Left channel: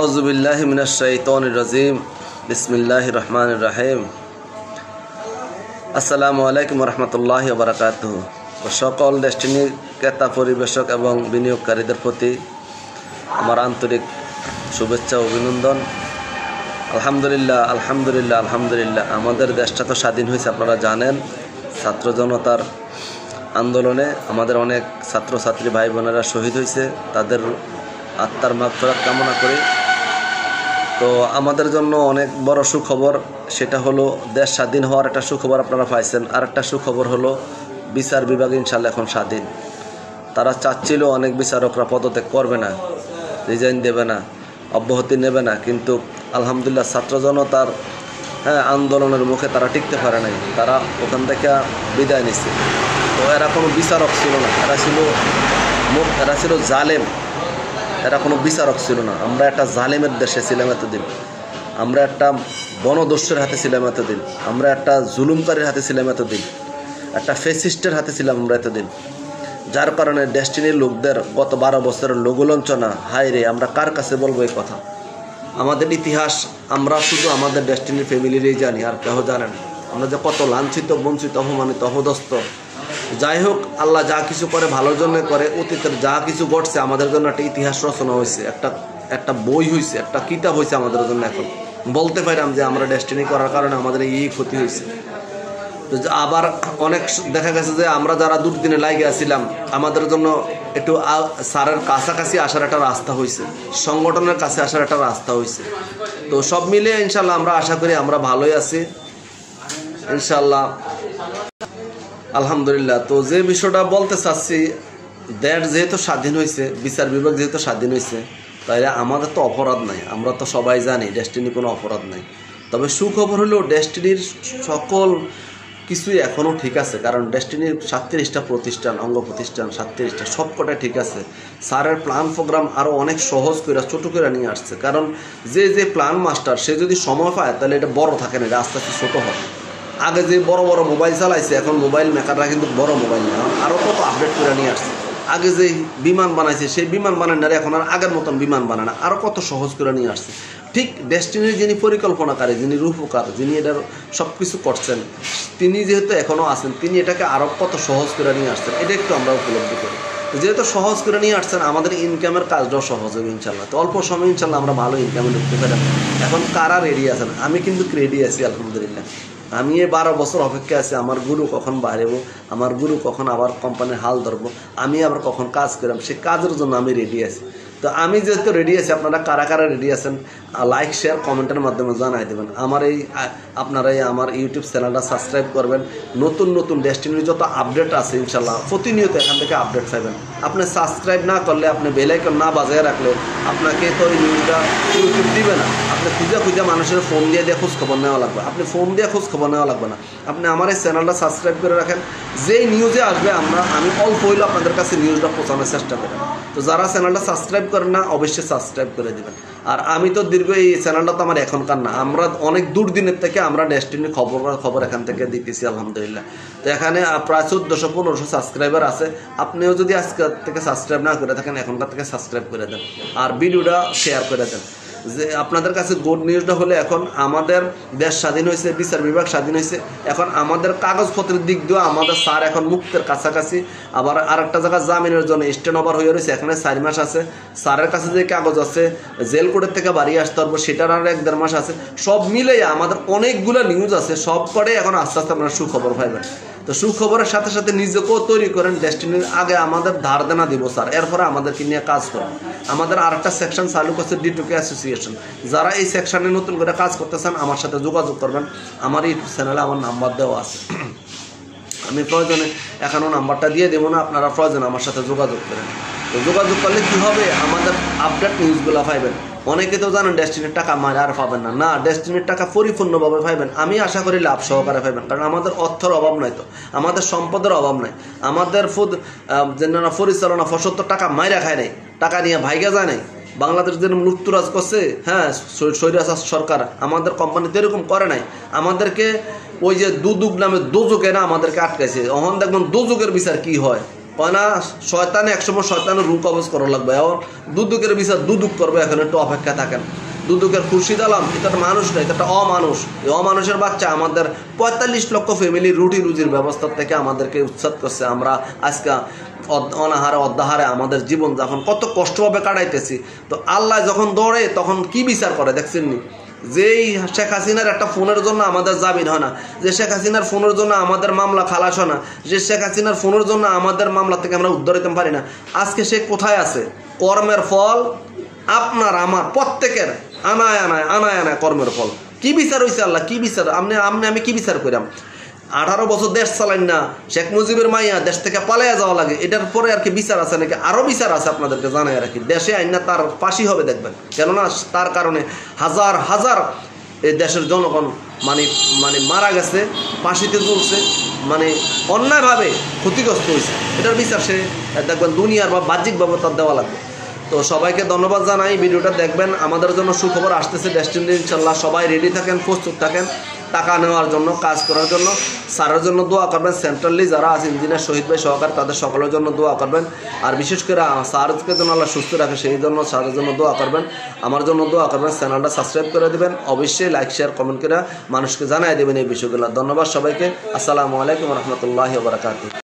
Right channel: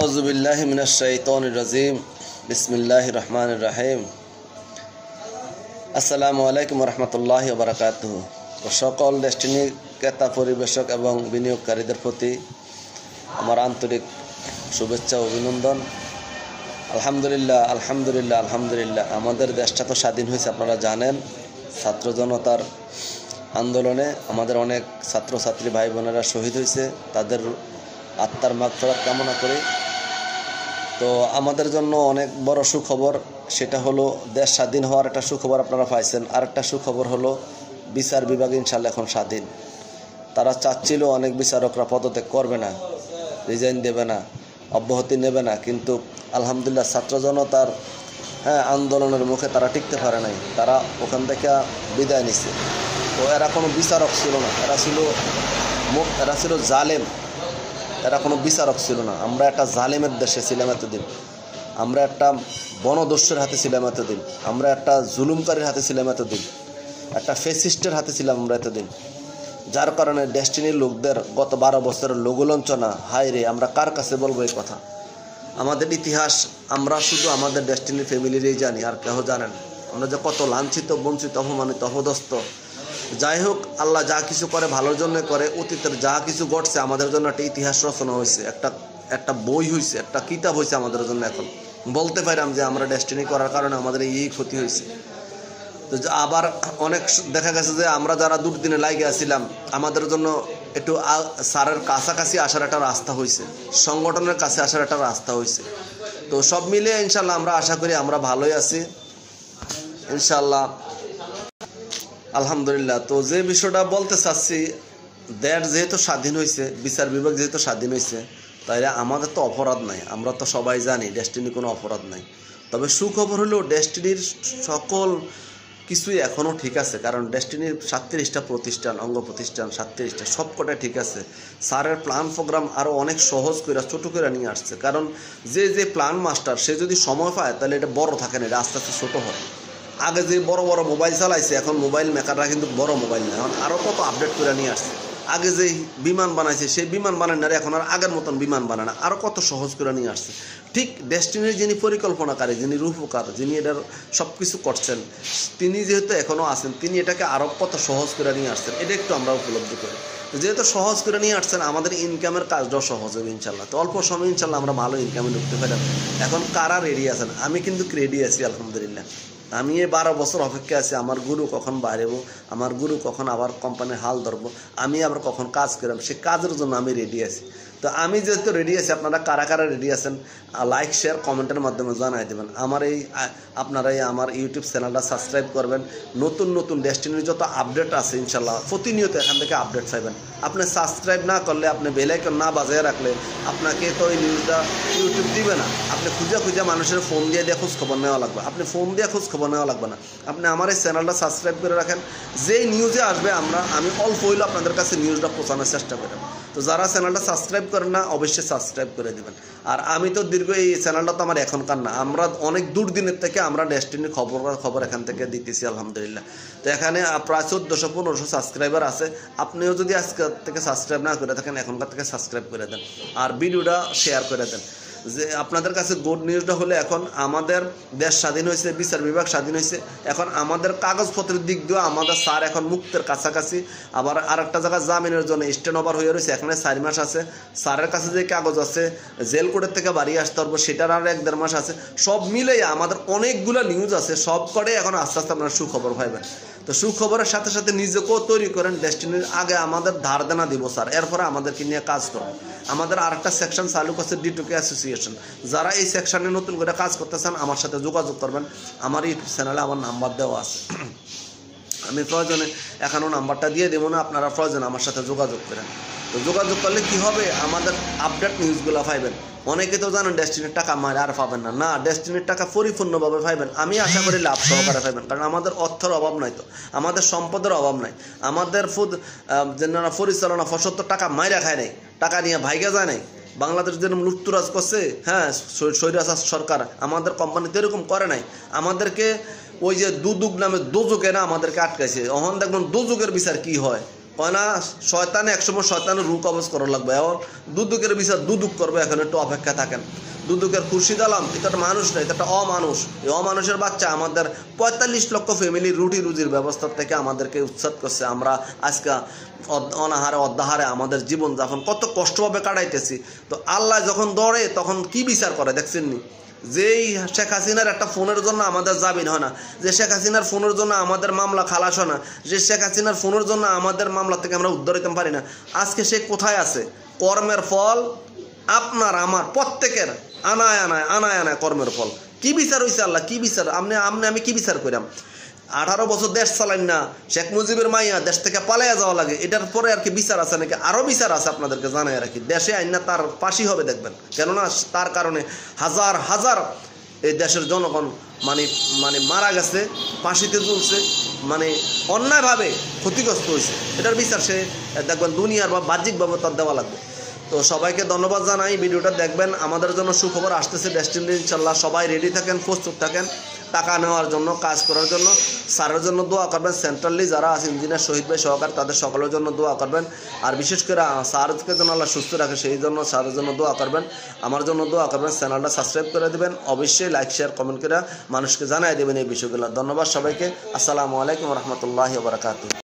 আউযুবিল্লাহি মিনাশ শাইতানির রাজিম। বিসমিল্লাহির রহমানির রহিম। আসসালামু আলাইকুম ওয়া রাহমাতুল্লাহি ওয়া বারাকাতুহু। সকল ডেস্টিনি ক্রেতা পরিবেশক এবং বিনিয়োগকারীদের প্রতি আমার আন্তরিক শুভেচ্ছা ও অভিনন্দন। আলহামদুলিল্লাহ আলহামদুলিল্লাহ আলহামদুলিল্লাহ। আমাদের দেশটা তো স্বাধীন হয়েছে, আপনারা জানেন। ছাত্র জনতার আন্দোলনে আমাদের অনেক ছাত্রছাত্রী ভাই বোনেরা শহীদ হয়েছে, তাদের আত্মার মাগফিরাত কামনা করি। তো আমাদের জন্য অনেক বড় সুখবর, সেটা হলো দেশ স্বাধীন হওয়ার একটা সুখবর আপনারা পাইছেন। আর একটা সুখবর হলো বিচার বিভাগ ইনশাল্লাহ এখন স্বাধীন। তারা চাচ্ছিল অনেক বিচারকরা পদত্যাগ করবে না, রিজাইন দেবে না, অব্যাহতি নেবে না, কিন্তু আলহামদুলিল্লাহ ছাত্র জনতার আন্দোলনের মুখে তারা টিকতে পারে নাই, তারা ওখান থেকে বিদায় নিচ্ছে। তো এরা কোনো বিচারক ছিল না, এরা ছিল জালেম, এরা কোনো বিচারক ছিল না। আমরা একটা জালেমের দেশে ছিলাম এতদিন, আমরা একটা বনদস্যের হাতে ছিলাম এতদিন, আমরা একটা জুলুমকারীর হাতে ছিলাম এতদিন, একটা ফেসিস্টের হাতে ছিলাম আমরা এতদিন। যার কারণে ডেস্টিনির লোকদের গত 12 বছরের লঘুলাঞ্ছনা, হায় রে, আমরা কার কাছে বলবো এই কথা? আমাদের ইতিহাস আমরা শুধু আমাদের ডেস্টিনির ফ্যামিলিরই জানি, আর কেউ জানে না। আমরা যে কত লাঞ্ছিত, বঞ্চিত, অপমানিত, অপদস্থ। যাই হোক, আল্লাহ যা কিছু করে ভালোর জন্য করে। অতীতের যা কিছু ঘটছে আমাদের জন্য একটা ইতিহাস রচনা হয়েছে, একটা বই হয়েছে, একটা কিতাব হয়েছে আমাদের জন্য। এখন বলতে পারলাম যে আমরা ডেস্টিনি করার কারণে আমাদের এই ক্ষতি হয়েছে। তো আবার অনেক দেখা গেছে যে আমরা যারা দুর্দিনে লাগে আসছিলাম, আমাদের জন্য একটু স্যারের কাছাকাছি আসার একটা রাস্তা হয়েছে, সংগঠনের কাছে আসার একটা রাস্তা হয়েছে। তো সব মিলিয়ে ইনশাল্লাহ আমরা আশা করি আমরা ভালোই আছি ইনশাল্লাহ, আলহামদুলিল্লাহ। তো যে বিষয়টা বলতে চাচ্ছি, দেশ যেহেতু স্বাধীন হয়েছে, বিচার বিভাগ যেহেতু স্বাধীন হয়েছে, তাইলে আমাদের তো অপরাধ নাই। আমরা তো সবাই জানি ডেস্টিনি কোনো অপরাধ নাই। তবে সুখবর হলো ডেস্টিনির সকল কিছুই এখনও ঠিক আছে, কারণ ডেস্টিনির 37টা প্রতিষ্ঠান, অঙ্গ প্রতিষ্ঠান 37টা, সবকটাই ঠিক আছে। স্যারের প্ল্যান প্রোগ্রাম আরও অনেক সহজ করে, ছোটো করে নিয়ে আসছে। কারণ যে প্ল্যান মাস্টার, সে যদি সময় পায় তাহলে এটা বড় থাকে না, এটা আস্তে আস্তে ছোটো হয়। আগে যে বড় বড় মোবাইল চালাইছে, এখন মোবাইল মেকাররা কিন্তু বড় মোবাইল নেই, এখন আরও কত আপডেট করে নিয়ে আসছে। আগে যে বিমান বানাইছে, সেই বিমান বানায় না, এখন আর আগের মতন বিমান বানায় না, আরও কত সহজ করে নিয়ে আসছে। ঠিক ডেস্টিনির যিনি পরিকল্পনাকারী, যিনি রূপকার, যিনি এটার সব কিছু করছেন, তিনি যেহেতু এখনও আছেন, তিনি এটাকে আরও কত সহজ করে নিয়ে আসছেন, এটা একটু আমরা উপলব্ধি করি। যেহেতু সহজ করে নিয়ে আসছেন, আমাদের ইনকামের কাজটাও সহজ হবে ইনশাল্লাহ। তো অল্প সময় ইনশাল্লাহ আমরা ভালো ইনকামে ঢুকতে পারি। এখন কারা রেডি আছেন? আমি কিন্তু রেডি আছি আলহামদুলিল্লাহ। আমি এই 12 বছর অপেক্ষা আছি, আমার গুরু কখন বাড়বো, আমার গুরু কখন আবার কোম্পানির হাল ধরবো, আমি আবার কখন কাজ করলাম, সে কাজের জন্য আমি রেডি আছি। তো আমি যেহেতু রেডি আছি, আপনারা কারা কারা রেডি আছেন লাইক শেয়ার কমেন্টের মাধ্যমে জানাই দেবেন। আপনারা আমার ইউটিউব চ্যানেলটা সাবস্ক্রাইব করবেন। নতুন নতুন ডেস্টিনির যত আপডেট আছে ইনশাল্লাহ প্রতিনিয়ত এখান থেকে আপডেট পাবেন। আপনি সাবস্ক্রাইব না করলে, আপনি বেল আইকন না বাজিয়ে রাখলে আপনাকে তো এই নিউজটা ইউটিউব দিবে না। আপনি খুঁজে মানুষের ফোন দিয়ে খোঁজ খবর নেওয়া লাগবে, আপনি ফোন দিয়ে খোঁজ খবর নেওয়া লাগবে না। আপনি আমার এই চ্যানেলটা সাবস্ক্রাইব করে রাখেন, যেই নিউজে আসবে আমি অল্প হইলেও আপনাদের কাছে নিউজটা পৌঁছানোর চেষ্টা করেন। তো যারা চ্যানেলটা সাবস্ক্রাইব করেন না, অবশ্যই সাবস্ক্রাইব করে দেবেন। আর আমি তো এই চ্যানেলটা তো আমার এখনকার না, আমরা অনেক দূর দিনের থেকে আমরা ডেস্টিনির খবর এখান থেকে দিতেছি আলহামদুলিল্লাহ। তো এখানে প্রায় 1400-1500 সাবস্ক্রাইবার আছে। আপনিও যদি আজকে থেকে সাবস্ক্রাইব না করে থাকেন, এখনকার থেকে সাবস্ক্রাইব করে দেন আর ভিডিওটা শেয়ার করে দেন। যে আপনাদের কাছে গুড নিউজটা হলে, এখন আমাদের দেশ স্বাধীন হয়েছে, বিচার বিভাগ স্বাধীন হয়েছে। এখন আমাদের কাগজপত্রের দিক দিয়েও আমাদের স্যার এখন মুক্তের কাছাকাছি। আবার আরেকটা জায়গায় জামিনের জন্য স্ট্যান্ড ওভার হয়ে রয়েছে, এখানে 4 মাস আছে। স্যারের কাছে যে কাগজ আছে জেল কোর্টের থেকে বাড়ি আসতে পারবো, সেটার আর 1-1.5 মাস আছে। সব মিলে আমাদের অনেকগুলো নিউজ আছে, সব করে এখন আস্তে আস্তে আপনারা সুখবর পাইবেন। তো সুখবরের সাথে সাথে নিজেকেও তৈরি করেন। ডেস্টিনির আগে আমাদের ধার দেনা দিব স্যার, এরপরে আমাদেরকে নিয়ে কাজ করবেন। আমাদের আরেকটা সেকশন চালু করছে, D2K অ্যাসোসিয়েশন। যারা এই সেকশনে নতুন করে কাজ করতেছেন আমার সাথে যোগাযোগ করবেন। আমার ইউটিউব চ্যানেলে আমার নাম্বার দেওয়া আছে, আমি প্রয়োজনে এখনও নাম্বারটা দিয়ে দেবো না, আপনারা প্রয়োজনে আমার সাথে যোগাযোগ করেন। তো যোগাযোগ করলে কি হবে, আমাদের আপডেট নিউজগুলো পাইবেন। অনেকে তো জানেন ডেস্টিনির টাকা মারে আর পাবেন না, না, ডেস্টিনির টাকা পরিপূর্ণভাবে পাইবেন। আমি আশা করি লাভ সহকারে পাইবেন, কারণ আমাদের অর্থের অভাব নাই, তো আমাদের সম্পদের অভাব নাই। আমাদের পরিচালনা 75 টাকা মাইরা খায় নাই, টাকা নিয়ে ভাইগা যায় নাই। বাংলাদেশ যেরকম লুপ্তরাজ করছে, স্বৈরাচার সরকার, আমাদের কোম্পানিতে এরকম করে নাই। আমাদেরকে ওই যে দুদুক নামে দোজকেরা আমাদেরকে আটকাইছে। এখন দেখবেন দোজকের বিচার কি হয়, কয় না শয়তানে একসময় শয়তানের রূপ কবজ করা লাগবে। এখন দুদুকের বিচার দুদুক করবে, এখন একটু অপেক্ষা থাকেন। দুদুকের খুরশিদ আলম এটা একটা মানুষ না, এটা একটা অমানুষ। এই অমানুষের বাচ্চা আমাদের 45 লক্ষ ফ্যামিলির রুটি রুজির ব্যবস্থা থেকে আমাদেরকে উচ্ছেদ করছে। আমরা আজকে অনাহারে অদ্যাহারে আমাদের জীবনযাপন কত কষ্টভাবে কাটাইতেছি। তো আল্লাহ যখন দৌড়ে তখন কি বিচার করে দেখছেন নি? যেই শেখ হাসিনার একটা ফোনের জন্য আমাদের জামিন হয় না, যে শেখ হাসিনার ফোনের জন্য আমাদের মামলা খালাস হয় না, যে শেখ হাসিনার ফোনের জন্য আমাদের মামলা থেকে আমরা উদ্ধার হইতে পারি না, আজকে সে কোথায় আছে? কর্মের ফল আপনার আমার প্রত্যেকের আনায় আনায় আনায় আনায় কর্মের ফল। কি বিচার হয়েছে আল্লাহ? কি বিচার? আমি কি বিচার করিলাম? 18 বছর দেশ চালাইন না, শেখ মুজিবের মাইয়া দেশ থেকে পালাইয়া যাওয়া লাগে, এটার পরে আর কি বিচার আছে নাকি? আরো বিচার আছে, আপনাদেরকে জানাই রাখি। দেশে আইন না তার ফাঁসি হবে দেখবেন, কেননা তার কারণে হাজার হাজার এই দেশের জনগণ মানে মারা গেছে, ফাঁসিতে ঝুলছে, মানে অন্যায়ভাবে ক্ষতিগ্রস্ত হয়েছে। এটার বিচার সে দেখবেন দুনিয়ার বা বাহ্যিকভাবে তার দেওয়া লাগবে। তো সবাইকে ধন্যবাদ জানাই, ভিডিওটা দেখবেন। আমাদের জন্য সুখবর আসতেছে ডেস্টিনি, ইনশাল্লাহ সবাই রেডি থাকেন, প্রস্তুত থাকেন টাকা নেওয়ার জন্য, কাজ করার জন্য। স্যারের জন্য দোয়া করবেন, সেন্ট্রালি যারা আছে ইঞ্জিনিয়ার শহীদ ভাই সহকারে তাদের সকলের জন্য দোয়া করবেন। আর বিশেষ করে স্যারকে যেন আল্লাহ সুস্থ রাখে সেই জন্য স্যারের জন্য দোয়া করবেন, আমার জন্য দোয়া করবেন। চ্যানেলটা সাবস্ক্রাইব করে দেবেন, অবশ্যই লাইক শেয়ার কমেন্ট করে মানুষকে জানাই দেবেন এই বিষয়গুলো। ধন্যবাদ সবাইকে। আসসালামু আলাইকুম রহমতুল্লাহি ওয়া বারাকাতুহু।